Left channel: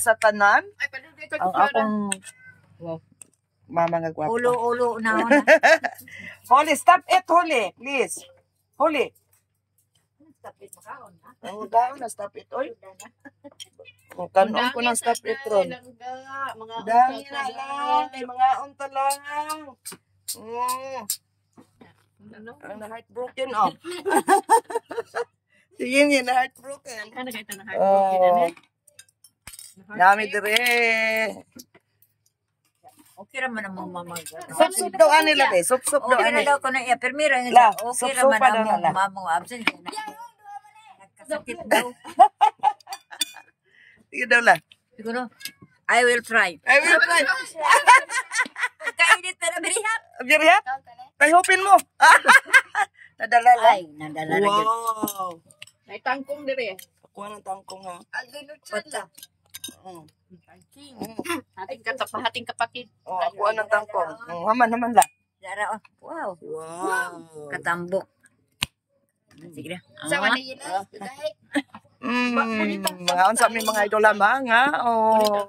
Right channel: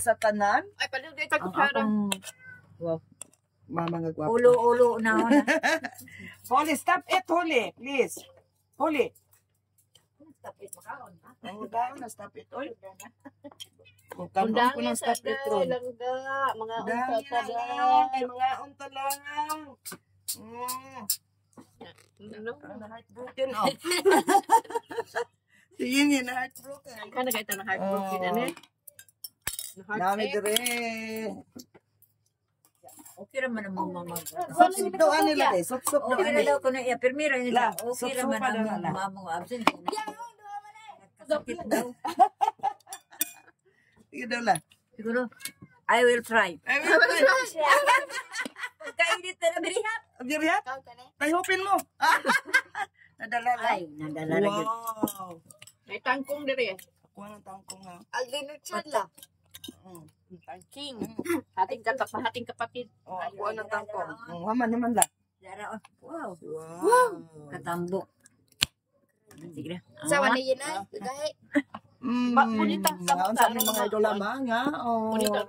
Sa tanan, Ay, pala dito ang kutsara. akong mama nga gwapo. Ulo na ako na. Holy, stop it, Holy. Please. Holy. Stop it, makaon, ha? Ang daw na stop it, oy. Kung kanon ko ng stop it, ron. Langga, mga Dami unta na lang, ay mga unta lang. Ang na-heartbroken, oh. Sige niya, na-heartbroken. Ano kayo ito na heartbroken, ano? Dami dire. Okay raman ang mamamag. Sup-sup daw nila, be. Sup-sup daw Okay na ani. daw ko na iya. Permira nga La, siya. Okay sup-supa raman daw ang na, la. mamang absent. Nagkasakit daw. Sige daw la. Siguro, I will try. I will try. Pagkainit na nabirihat. Abjirihat? Ay, hopin mo. Nadala lang. Ay, nadala na yun. Wow. May tangkong dire. Kuha ng tangkong, ha. Pata. Tangking. Hating kapatid. Oh, kuha ng tangkong. Haman la. Dara, oh. Wow. Wow. Katambok. Sige na. Sa wala yun ay, dahil. Mga unsa mi mga idol mga. Oh.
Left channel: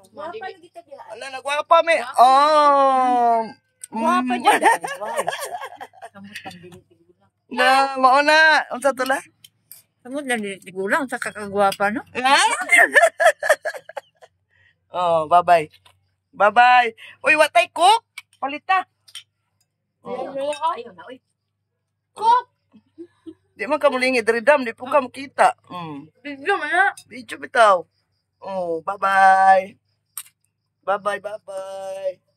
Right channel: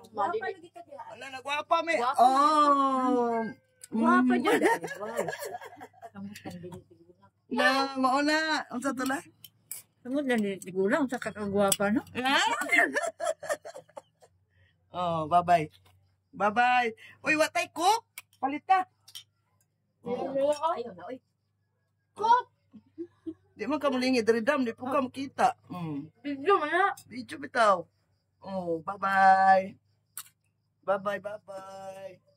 Ala nagwapa mi. Oh. Guwapa dyan. Na mao na unsa to la? Samod lang tigulang sa kakagwapa, no? Oh, bye-bye. Bye-bye. Uy, watay cook. Palita. Ayun na, uy. Di man ka mulingi dam, di po ka makita. Bigyan mo na. Video bitaw. Oh, bye-bye. Bye-bye, bye-bye.